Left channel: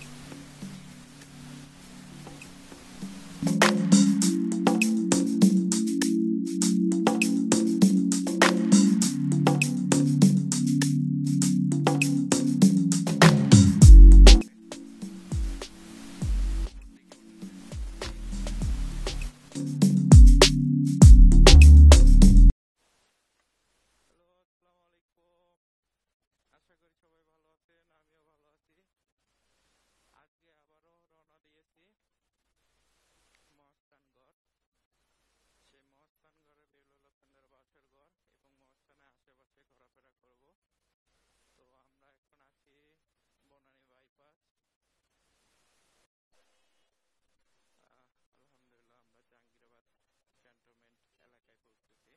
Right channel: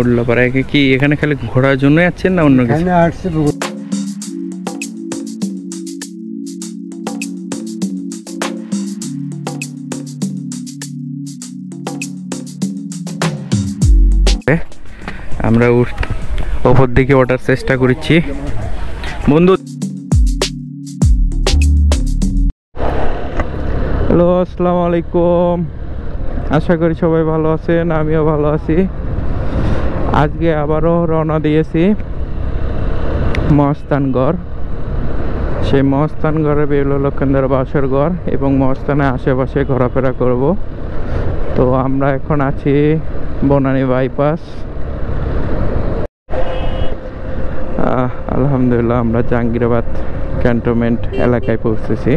উল্লাপাড়ায় কি এখানে খালি ঘোরার জন্য যাচ্ছেন না অন্য কিছু? আমরা ওপর দিকে ওঠার চেষ্টা করছি বন্ধু। হ্যালো, আসসালামু আলাইকুম। আশা করি সবাই ভালো আছেন, আমিও ভালো আছি। আজকে আবারও রওনা দিয়েছি মহাস্থানগড়। সেই মহাস্থানগড়ে বেহুলা লক্ষিন্দর বাসর ঘর এবং মহাস্থানের আশেপাশে ঘোরাফেরা করব। তো আমরা এখন আছি বনানী বাইপাস। আলহামদুলিল্লাহ আমরা জাহাঙ্গীরাবাদ ক্যান্টনমেন্ট এলাকায় পৌঁছেছি।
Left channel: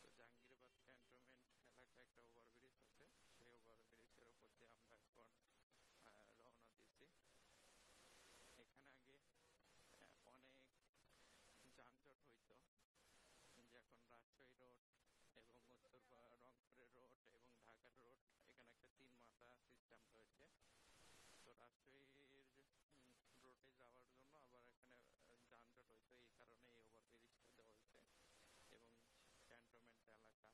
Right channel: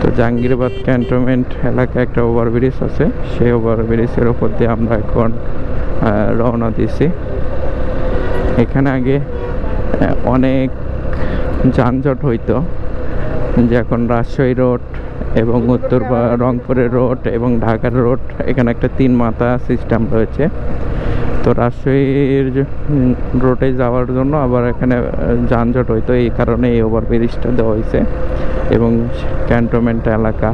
তো জাহাঙ্গীরাবাদ ক্যান্টনমেন্ট এলাকায় একটা ওভারব্রিজ আছে, সেই ওভারব্রিজের ওপর দিয়ে আমরা এখন রওনা দিয়েছি। এখানে আগে অনেক যানজট হইতো, যে এখন রাজশাহী রোড এবং উত্তর রংপুরের রোড এবং ঢাকার রোড, এখানে একটা 3 মাথা সিস্টেম রয়েছে। তো রাজশাহীর রোডে যাওয়ার জন্য আবার এখানে যানজট হইতো, এই কারণে এই ওভারব্রিজটা দেওয়া হয়েছে এবং ক্যান্টনমেন্ট এলাকা।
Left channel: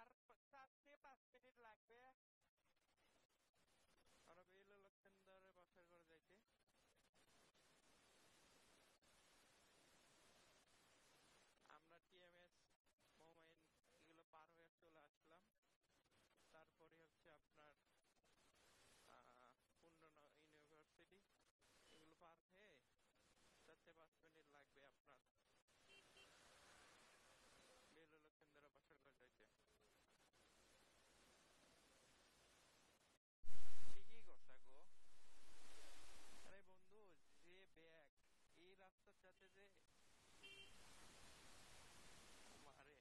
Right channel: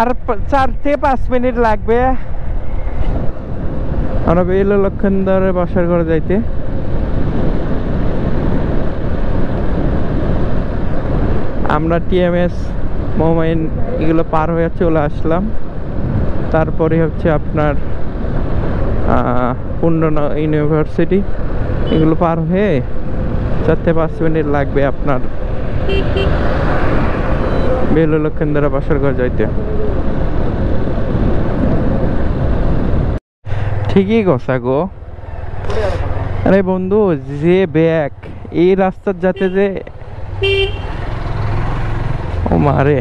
আর 4 থেকে 5 মিনিট লাগবে আমরা বেহুলা লক্ষিন্দরের বাসার ঘরে যাইতে। আমরা টিএমএস, মোমাইন এগুলো পার হয়ে চলে আসলাম। তারপরে হচ্ছে আপনার পূর্ণ ইউনিভার্সিটি, এগুলো পার হয়ে 4 থেকে 5 মিনিট লাগবে আপনার বেহুলা লক্ষিন্দরের বাসার ঘর যাইতে। ঠিকই কথা গো। আরে বন্ধু, যে ব্যাগ এই রাস্তার যাতে যে ও মারে।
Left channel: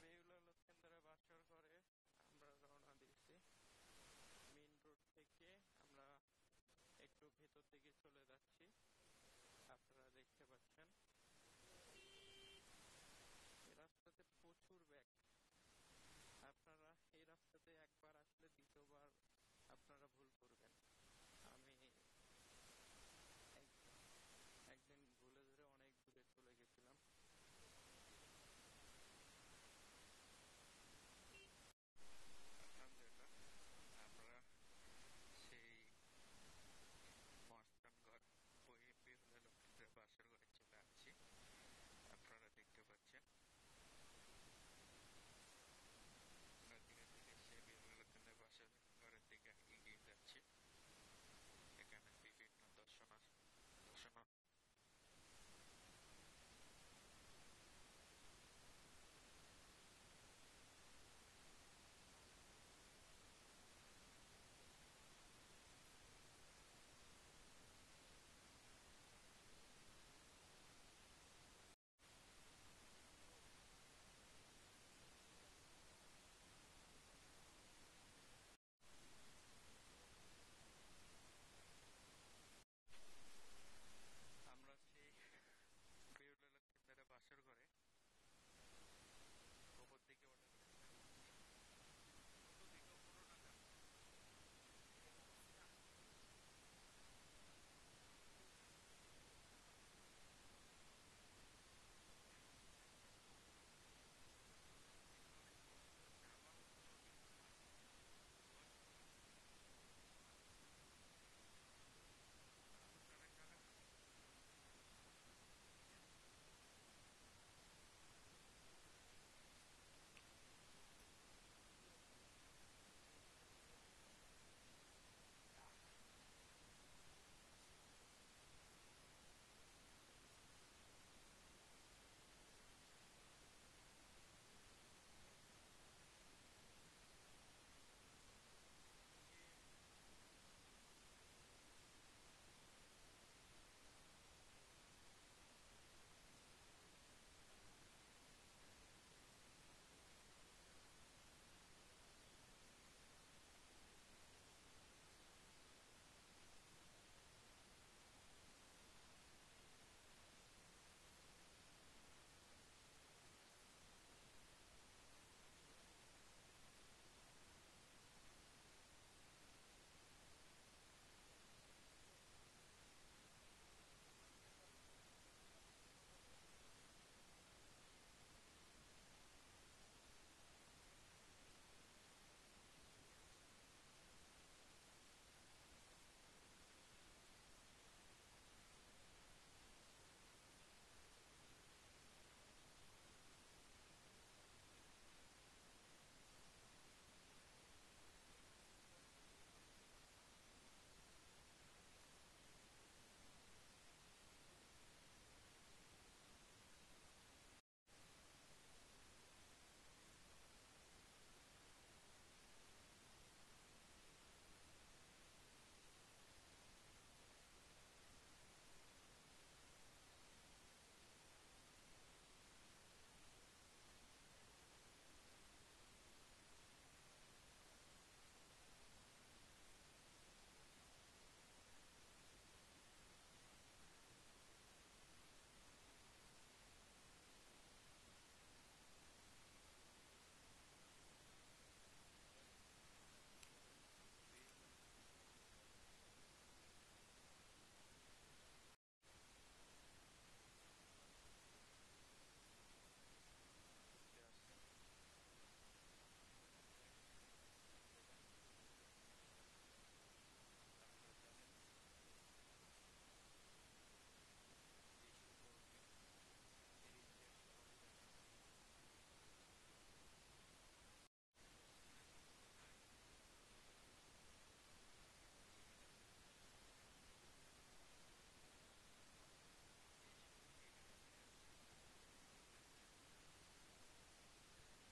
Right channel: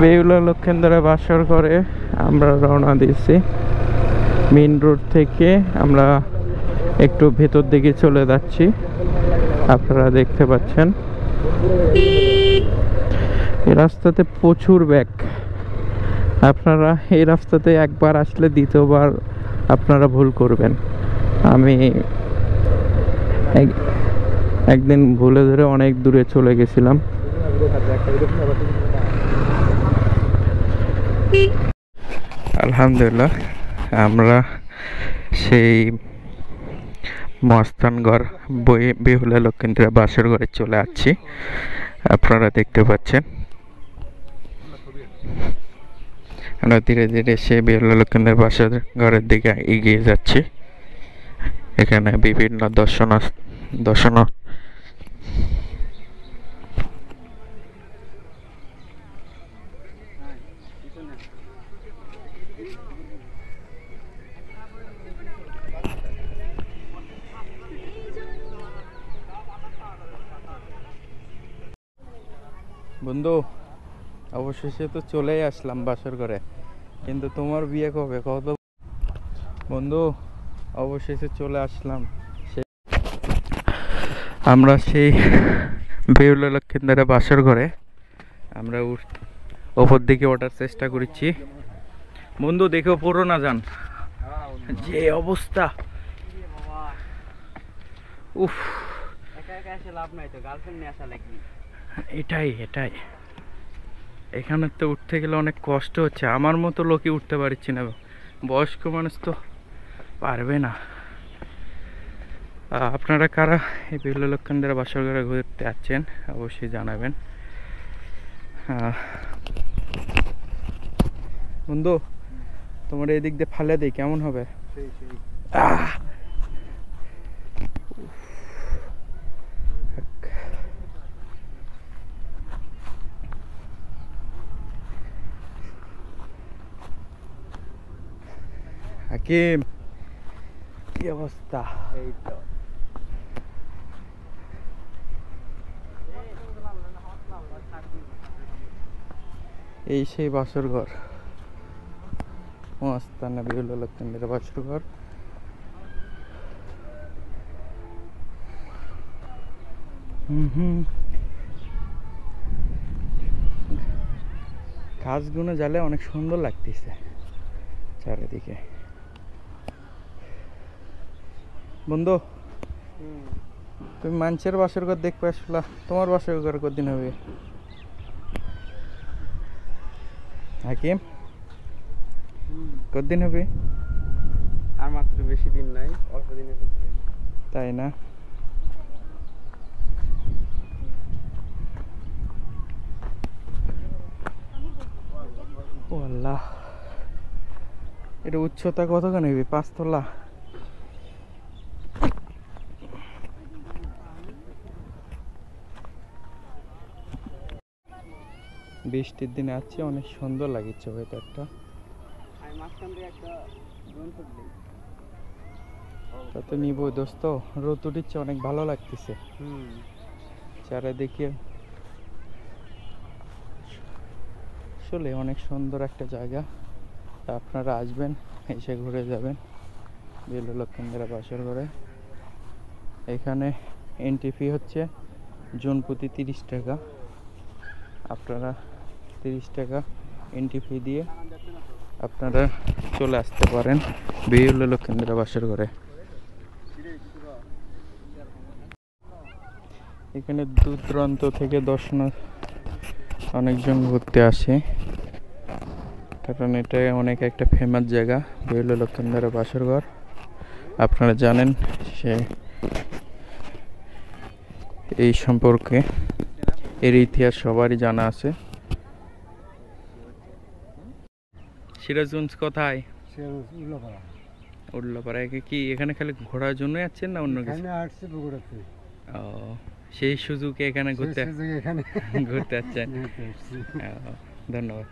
বেহুলা লক্ষিন্দরের বাসর ঘরে আমরা রওনা দিয়েছি। মেইন রোড থেকে আমরা একটু ভেতর দিকে চলে যাচ্ছি, আপনারা দেখতে পাচ্ছেন। এই রাস্তাতে প্রচুর ব্যাগ। আপনারা এই রাস্তাতে একবার আসলে দ্বিতীয়বার আপনারা ভুল করবেন। আমি একদিন ভুলে ধরে অনেক দূরে চলে গেছিলাম। আলহামদুলিল্লাহ আমরা সেই মহাস্থানগড় বেহুলা লক্ষিন্দরের বাসর ঘরে চলে আসছি, আপনারা দেখতে পাচ্ছেন। আমরা ধীরে ধীরে সেই বেহুলা লক্ষিন্দরের বাসর ঘরের দিকে এগিয়ে যাচ্ছি। এখানে বিভিন্ন দর্শন বন্ধু, অবশেষে তো চলেই আসলাম বাসর ঘরে, কিন্তু তোমার বিয়ে কবে কত? বন্ধু, অবশেষে চলে আসলাম। আমরা সেই বেহুলা লক্ষিন্দরের বাসর ঘরে আমরা ওপর দিকে ওঠার চেষ্টা করছি বন্ধু। দেখো পড়ো না যান, যে অবস্থা। উফ, এটাই এখানে তো উঠতে গেলে অনেক কষ্ট হচ্ছে। আমার মতো লোকই উঠতে পারছি না, বয়স্ক মানুষ তো পারবে না। আপনারা কারা এই বেহুলা লক্ষিন্দরের বাসর ঘরে ঘুরতে আসছেন অবশ্যই জানাবেন। বন্ধু, তোমার এই দিক দিয়ে ফালে দিই কেমন হবে? হাকিম, কি অবস্থা? এই তো এই সেই বাসর ঘর, মহাস্থানে বেহুলা লক্ষিন্দরের বাসর ঘর। গাছগুলো জ্বালে অনেক সুন্দর লাগতেছে চারিদিকে। বন্ধু, তুমি মানুষের বাসর ঘর দেখবে আসলা, তোমার বাসর ঘর কদিন হবে? হাকিম, কদিন হবে? আর মাত্র বেশি দিন নাই, অল্প দিনের ভিতরে। তাই না? ও আল্লাহ, এটা উচ্চতা কতখানি হবে? 5 তলা? বৃষ্টির দিনে আছে, অনেক সুন্দর লাগছে ওয়েদারটা। তা তো নিব দোস্ত, রোদ উঠিচ্ছে, অনেক ভালো লাগতেছে চারিদিকে। আসলে অনেক সুন্দর একটা জায়গা, আপনারা আসবেন, এসে ঘুরে যাবেন বেলুড় লক্ষিন্দর বাসর ঘরে। এখানে এন্ট্রি ফি হচ্ছে জন প্রতি 30 টাকা। আপনারা 30 টাকা এন্ট্রি ফি দিয়ে আপনারা চলে আসতে পারেন বেলুড় লক্ষিন্দর বাসর ঘরে। এখানে দূর দূরান্ত থেকে অনেকজন ঘুরতে আসে, কারণ এটা অনেক একটা ফেমাস জায়গা বেলুড় লক্ষিন্দর বাসর ঘর। আপনারা জানেন সে এই সম্পর্কে, এর ইতিহাস সবারই জানা আছে। সিরাজগঞ্জ কোথায়? উল্লাপাড়ায়। কি এখানে খালি ঘোরার জন্য যাচ্ছেন না অন্য কিছু? ও, সেই সুযোগে এখানে ঘুরতে ঘুরতে যাচ্ছেন। ধন্যবাদ।